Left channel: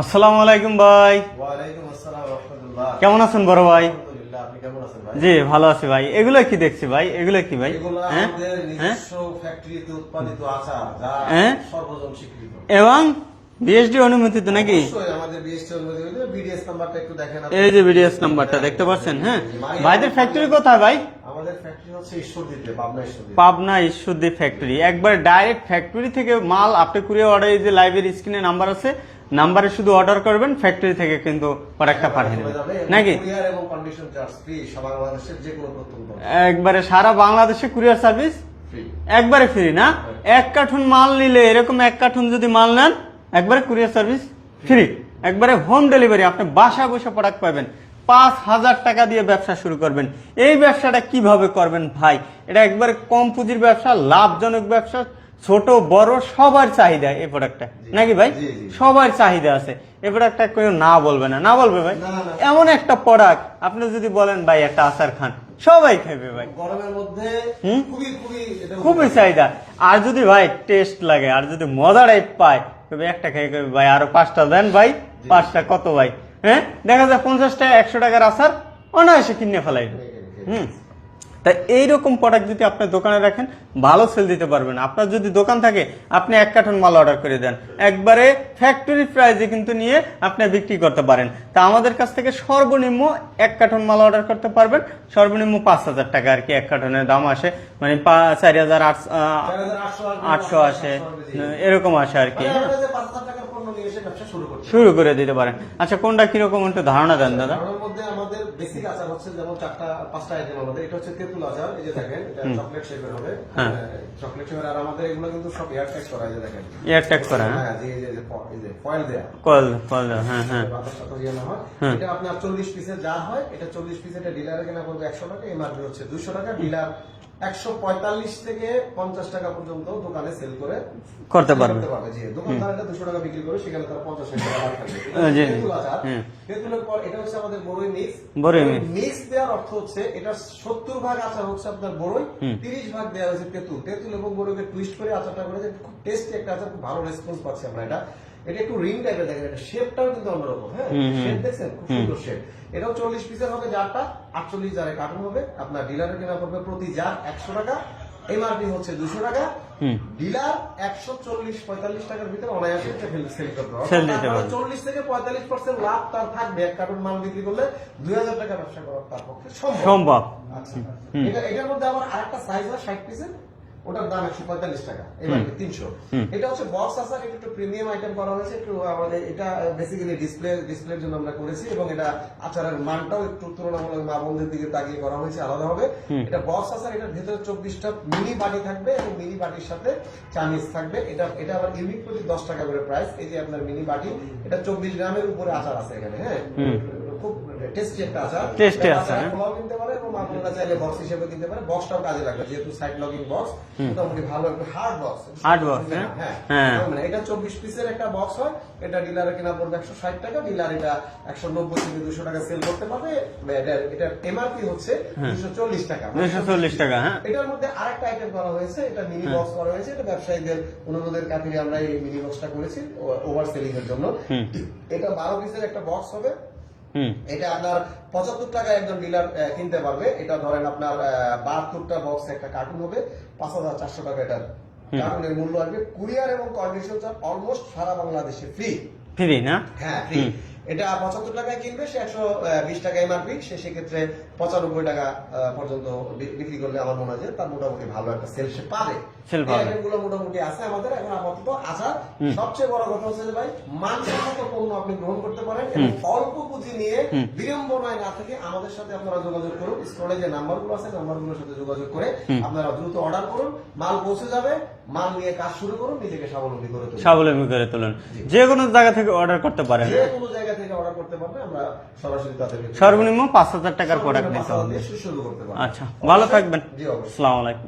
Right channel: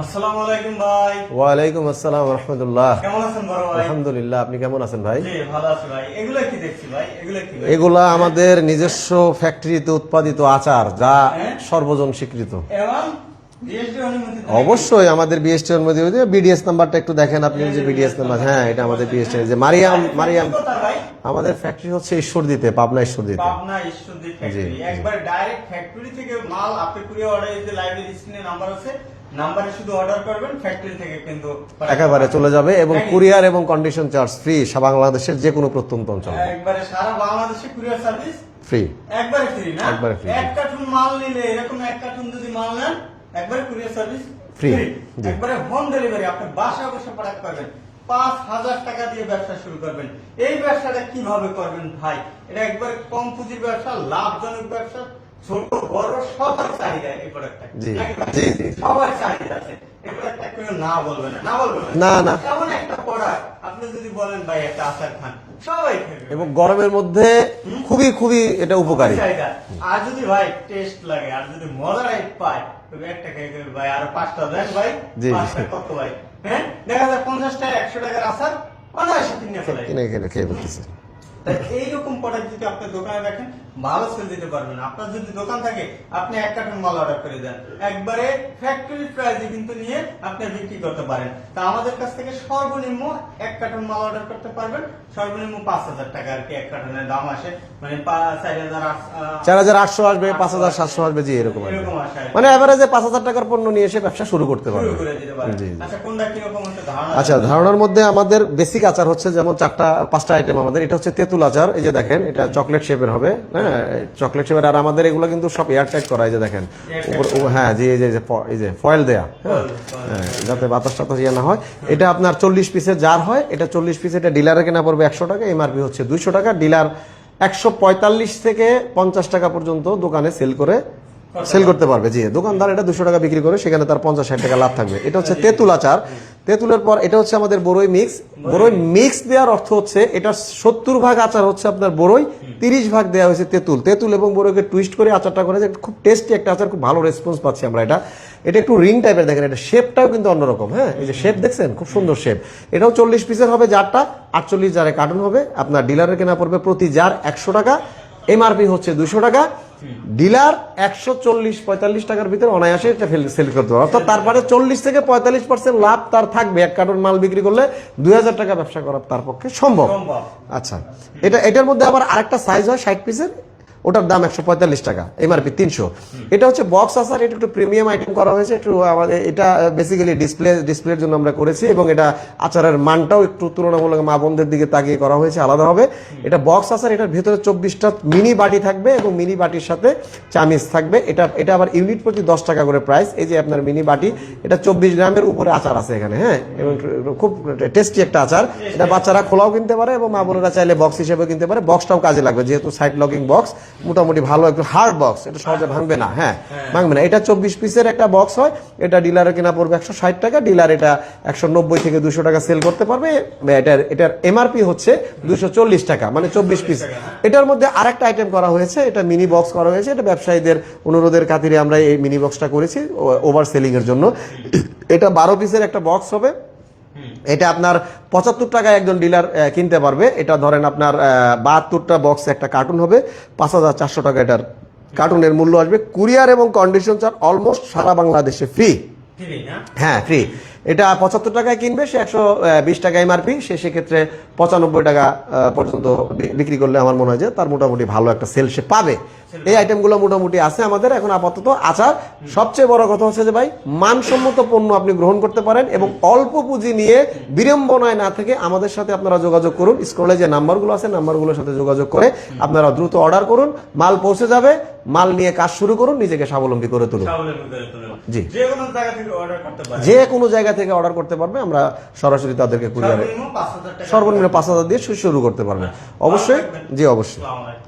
আসসালামু আলাইকুম ভাই। ওয়ালাইকুম আসসালাম ওয়া রাহমাতুল্লাহ। কেমন আছেন বড় ভাই? আলহামদুলিল্লাহ, আপনি কেমন আছেন ভাই? জি ভালো আছি ভাই। এগুলো কি দেখছি ভাই? এগুলো কি ভাই? এগুলা আমাদের নিজস্ব ফ্যাক্টরিতে উৎপাদিত আচার, যা হ্যাঁ? সর্বজন স্বীকৃত। এবং বিএসডি অনুমোদিত নাকি? অবশ্যই আমাদের বিএসটি অনুমতি। বিডিএস নাম্বারটা একটু দেখেন আপনি। এই যে বিডিএস নাম্বারটা হ্যাঁ, দেখতে এটা আমাদের পাচ্ছেন। BST হ্যাঁ। যে মারিয়াম ভাইদের ফ্যাক্টরি কোথায় ভাই? আমাদের ফ্যাক্টরি হচ্ছে ঈশ্বরদীতে, পাবনা ঈশ্বরদীতে। পাবনা ঈশ্বরদী ফ্যাক্টরি। একবার ডাইরেক্ট ফ্যাক্টরি থেকে মাল আপনি কুরিয়ার অর্ডার, এই যে লাইভের স্ক্রিনে নাম্বার আছে, নাম্বারে শুধু অর্ডার করবেন, ফ্যাক্টরি থেকে কিন্তু একেবারে চলে যাবে এবং নাকি? কুরিয়ার এবং কন্ডিশন চার্জ ফ্রি, বাংলাদেশের যে কোনো প্রত্যন্ত অঞ্চল। একবারে সারা বাংলাদেশে কুরিয়ার সার্ভিস ফ্রি, একবারে ফ্রি না? একবারে free। এক কার্টুন মাল নিলে, এরকম এক কার্টুন যদি মাল নেন, একবারে কুরিয়ার সার্ভিস ফ্রি, একবারে হোম ডেলিভারি। আপনি বাসায় বসে প্রোডাক্ট পাবেন। 5,000 টাকা দিয়ে ব্যবসা শুরু করবেন। এই ব্যবসাটা কিভাবে করবেন ভাই? এটা একবারে কম পুঁজির ব্যবসা, লাভজনক ব্যবসা। ছোট বড় সবার চাহিদা এই প্রোডাক্টটা, নাকি ভাই? সবার চাহিদা আছে এই প্রোডাক্টটা। কেউ না বলবে না, না বলবে ভাই? না। এমন একটা প্রোডাক্ট আপনি যদি বলেন ভাই একটা আচার খান, সবাই খাবে এবং গরমের মধ্যে খুবই খুবই এটা খুবই উপকারী। চাহিদা। আর যদি ভাই টেস্ট লাগে, আর যদি মজা টাইপ পায়, তবে একটা খেয়ে কবে ভাই আরো 5টা দেন ভাই। 5টা কত ভাই? হ্যাঁ, দেখা যায় 50 টাকা 100 টাকার আচার অনায়াসে কিনে ফেলাই। খেয়ে ফেলতেছে। তাই এইরকম প্রোডাক্ট যদি আপনি দোকানে রাখেন, ভালো সেল দিতে পারবেন। আপনার যদি দোকান থাকে, আপনি 1 কার্টন মাল অর্ডার করে দেন, একবারে ফ্যাক্টরি প্রাইসে কিন্তু নিয়ে আপনি বিক্রি করতে পারেন। তা আমাদের কাছ থেকে সর্বনিম্ন 1 কার্টন মাল অর্ডার করতে পারবেন, সর্বনিম্ন 5,000 টাকা আর কি 1 কার্টনের দাম আসে। মানে 4,800 আসবে, 5,700 আসবে, জি এরকম আসে আর কি। মানে এভারেজে 5,000 টাকার পণ্য নিয়ে এসে ব্যবসা শুরু করে দিতে পারেন। আচ্ছা, কোনটা কিরকম একটু ধারণা আচ্ছা, দেন। ধারণার মধ্যে আমাদের বেসিক আচার হচ্ছে যেমন 4-5টা আইটেম আমাদের। এটা হচ্ছে তেঁতুল আচার, এই যে দেখেন, এটা চকলেট শেপের হবে। হ্যাঁ, চকলেট শেপের। আর আমাদের এগুলো কিন্তু সব এয়ার টাইট করা, এই যে দেখেন। হ্যাঁ জি, এই যে ফয়েল দেয়া, যাতে বাতাস টাতাস ইয়ে না হয়। এটা আপনার 40 পিসের জার হয়। এটা 40 পিস, এটা ডিলারে কেনা পড়বে 100 টাকা, এমআরপি হচ্ছে 200 টাকা। ডিলার 145 থেকে 50 টাকা পর্যন্ত দোকানে সেল করতে পারবে। জি, দোকানদার এটা 200 টাকা বিক্রি করে, সেখানে তার 50-60 টাকা লাভ থাকবে। এটা হচ্ছে তেঁতুল আচার। তেঁতুলের পর এটা হচ্ছে আমাদের বড়ই মিক্স। বড়ই মিক্স দেওয়ার অর্থ হচ্ছে এটা 70 ভাগ আচার হচ্ছে আপনার বড়ই, 30 ভাগ দেওয়া হয়েছে তেঁতুল এবং বড়ইকে টুইস্ট করে আচারটা করে। খুব টেস্টি একটা আচার, খুব ভালো রেসপন্স পাচ্ছি আমরা। এটা একটু রিং টাইপের, দেখেন এটা শেপটাও কিন্তু অন্যরকম। হ্যাঁ, এই যে শেপ দেখছেন, খুব সুন্দর শেপ। এটাও 40 পিসের হবে জারটা, 48 জারে কার্টন হবে। আপনার ডিলারে কেনা পড়বে প্রতি জার 100 টাকা, এমআরপি হচ্ছে 200 টাকা। ডিলার 140-45 টাকার ভিতরে অনায়াসে এটা সেল করতে পারবে। অর্থাৎ তারপরে 40 থেকে 45% লাভ তার থাকবে। 1 কার্টন মাল বিক্রি করলে 2,000 টাকা ব্যবসা করা তার পক্ষে সম্ভব। আচ্ছা, এটার মধ্যে আবার আরেকটা সাইজ হয় 60 পিসের, ওটার দাম 145 টাকা, এমআরপি 300। এটা হচ্ছে বক্স আচার। এটা একটু প্রিমিয়াম আইটেম করা হয়েছে। একটু আমাদের এটা বেসিক্যালি ডিসপ্লের জন্য আমরা করেছি, এবং এটা আচারের মানটাও একটু তুলনামূলক মা বোনদের দিকে তাকিয়ে করা হয়েছে আলাদা হবে। এটা বক্স আচার। এটার ভেতরে 24টা মিনি বাটি থাকবে এবং মিনি বাটির সাথে চামিচ থাকবে। এটা আবার ইউনিট প্রতি 10 টাকা করে প্রাইস। এই যে আপনার মিনি বাটি, এটা 24 গ্রামের উপরে আচার আছে এখানে। হ্যাঁ, খুব টেস্টি একটা আচার। এটা বাচ্চারা খোলাও কিনতে পারে এবং মা বোনেরা চাইলে বক্স হিসেবে কিনতে পারে। বক্সটাও কাজে লাগবে, যেহেতু সাইড লকিং বক্স, মোটামুটি ভালো একটু হার্ড বক্স। এটা সহজে ভাঙবে না। হ্যাঁ, ভাঙবে না। এটা 24 পিসের একটা বক্স হয়। এটা ডিলারে কেনা পড়বে 160 টাকা। ডিলার এটা 190 থেকে 200 টাকা সেল করতে পারবে। এটার এমআরপি হচ্ছে 240 টাকা, মানে 24 পিস। এটার মধ্যে আরেকটা আইটেম করা হয়েছে, এটা মিনি বক্স করা হয়েছে। এটা ব্যবসায়ীদের অনুরোধের খাতিরে আমরা এই মিনি বক্সটা করেছি ওভার সেলিং এর জন্য। এটা 12 পিসের একটা বক্স হবে। এটা আপনার 75 টাকায় একজন ডিলার কিনতে পারবে। এটা ধরেন আপনার 72টা বক্স একটা কার্টুন হবে, 5,400 টাকা এটার কার্টুনের মূল্য আসবে। কুরিয়ার এবং কন্ডিশন চার্জ অলমোস্ট সারা বাংলাদেশে ফ্রি না? হ্যাঁ, ফ্রি। এটা 75 টাকায় কিনবে, সে 120 টাকা এমআরপি, সেক্ষেত্রে 95 টাকা পর্যন্ত বিক্রি করলে আমার মনে হয় যে তার মোটামুটি ভালো একটা সেল সে পাবে। এই আইটেমগুলো মোটামুটি আছে আমাদের এখন আপাতত আচার। সবচেয়ে বড় কথা হচ্ছে যে ভাই, মানসম্মত পণ্য আপনি গ্রহণ করতে পারেন এবং অল্প পুঁজি নিয়ে বিড়ম্বনায় না থেকে আমাদের সাথে আপনারা যোগাযোগ করুন। স্ক্রলে যে নাম্বারগুলো আছে, নাম্বারগুলোর সাথে যোগাযোগ করে আপনারা দ্রুত অর্ডার করুন। মাল পৌঁছে যাবে, মাল নিয়ে কাজ শুরু করুন, নিজেকে স্বাবলম্বী করে তুলুন। জি, যে কোনো জায়গা থেকে অর্ডার করতে পারবে, যে কোনো জায়গা থেকে অর্ডার করতে পারবে। আমরা সরাসরি তাদেরকে সর্বনিম্ন 5,000 টাকা দিয়ে শুরু করতে পারবো। অবশ্যই, জি অবশ্যই। আসসালামু আলাইকুম।